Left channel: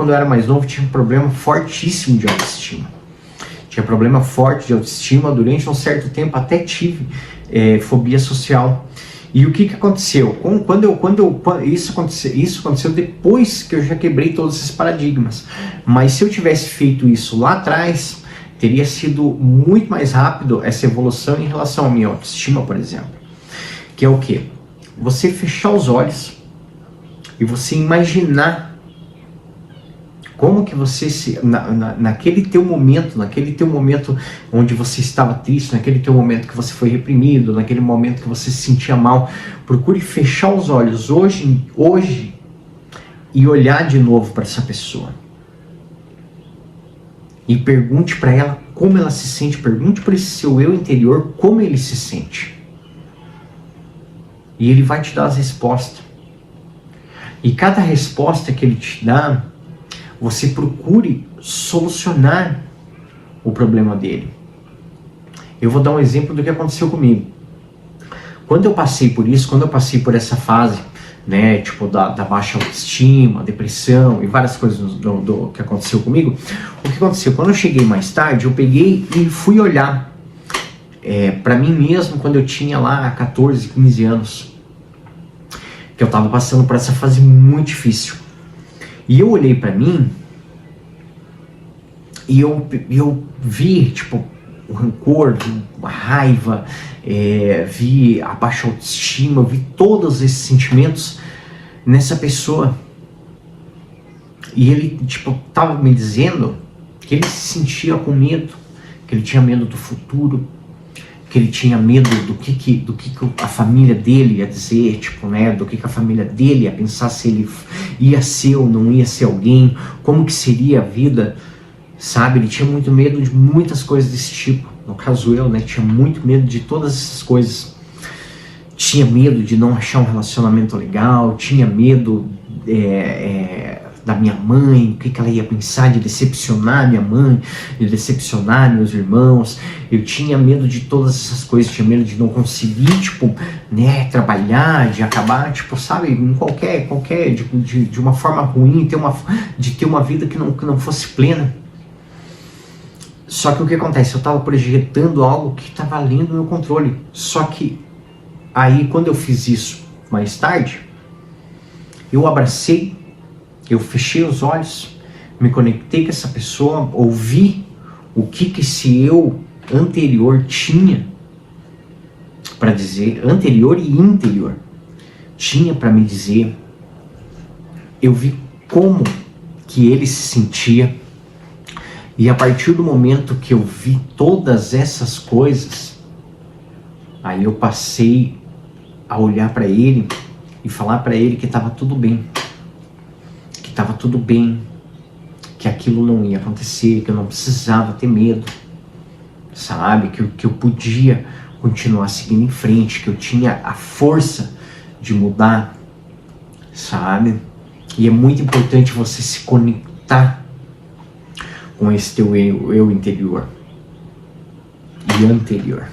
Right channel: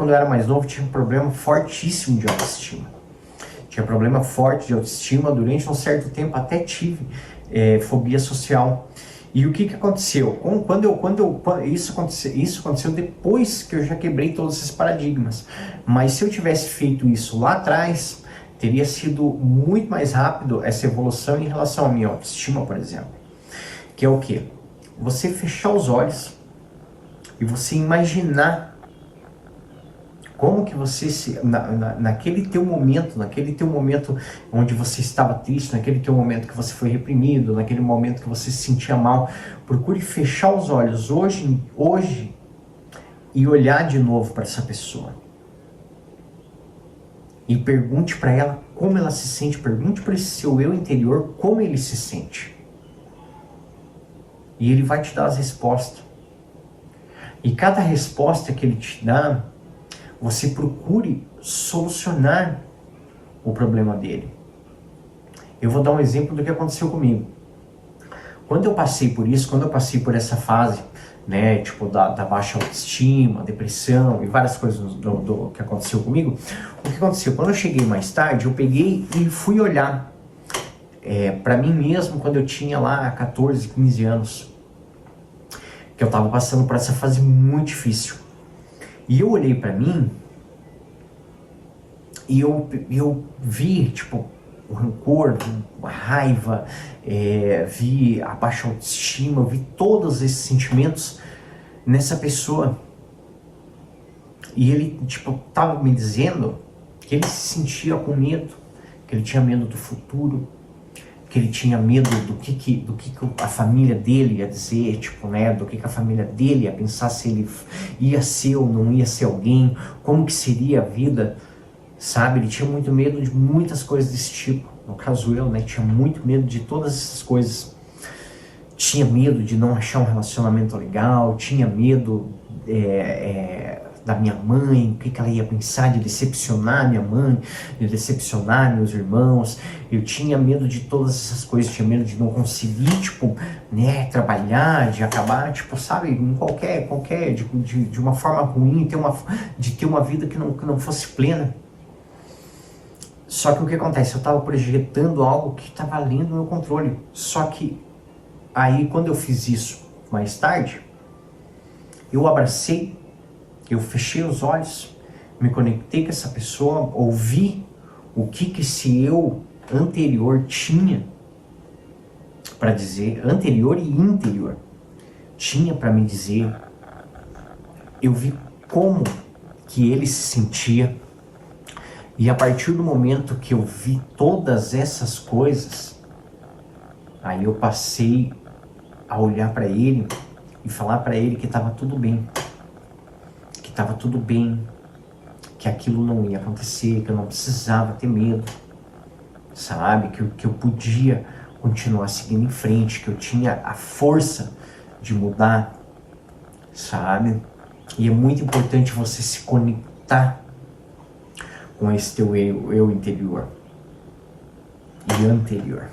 quando eu era mais novo, tinha um problema fortíssimo de autoestima. Tinha problema forte de autoestima, durante um certo tempo até tive fobia social. E o que aconteceu? Isso aconteceu depois que eu já quebrei todos esses paradigmas. Mas se eu tivesse feito isso lá atrás, teria sido muito mais rápido essa evolução em relação à minha autoestima, por exemplo. Que é o quê? Você fechar os olhos e você imaginar como que você naquele teu momento onde você estava triste, naquele teu momento que você foi reprimido, naquele momento que você se sentia mal, procure fechar os olhos hoje e olhar de novo para essa pessoa. E pergunte para ela como ela se sente, pergunte para esse seu eu interior como ele se sente. E ele vai te dar as respostas. E cada resposta que ele te dá, você procure solucionar o problema dele. Eu vou dar um exemplo do que aconteceu comigo. Quando eu passei por isso, quando eu passei por essa fase, né, tipo da baixa autoestima, depressão e várias coisas do que aconteceu comigo, o que aconteceu? Quando eu cheguei mais tarde, eu peguei e fui olhar para mim mesmo quando eu tinha lá 14, 15 anos, que eu estava passando por essa fase muito difícil. E eu olhei para mim e eu vi, tipo, o rancor, a raiva, vi a baixa autoestima, vi todos esses sentimentos nessa pessoa. E ele, tipo, tava me dizendo que ele se sentia com medo, que ele tinha medo do futuro, que ele tinha medo do que a família dele ia dizer, tipo, né, do que a família dele ia pensar, se ele ia ser ou não ia ser alguém, como que seria a vida, sabe? Ele tinha muito medo de muitas coisas desse tipo. No caso eu, né, tinha muito medo de todas essas coisas. Tinha medo de não achar um relacionamento legal, tinha medo da minha mãe, o que ela ia pensar, de decepcionar minha mãe, de decepcionar meus irmãos. Eu tinha medo de todas essas coisas, tinha medo de não conseguir, tipo, né, trabalhar, de acabar, tipo, sabe, em qualquer de uma forma ruim, de ter uma vida que não fosse plena. Só que o que acontece? Eu estava projetando algo que estava além do meu controle. Só que aí, quando eu fiz isso mais tarde, eu abracei, eu fechei os olhos, me conectei com essa pessoa, ouvi o que esse eu anterior tinha para dizer, anterior e interior, tinha para me dizer. Eu vi como que ele se sentia. E a partir do momento que eu vi todas essas coisas, aí eu passei a olhar para ele e falar para ele que estava tudo bem. Que estava tudo bem, que aquilo não ia acontecer, que eu não precisava ter medo, sabe? Que eu podia continuar seguindo em frente, que eu tinha a força de mudar, sabe? E é muito importante você se conectar com esse teu eu interior e anterior.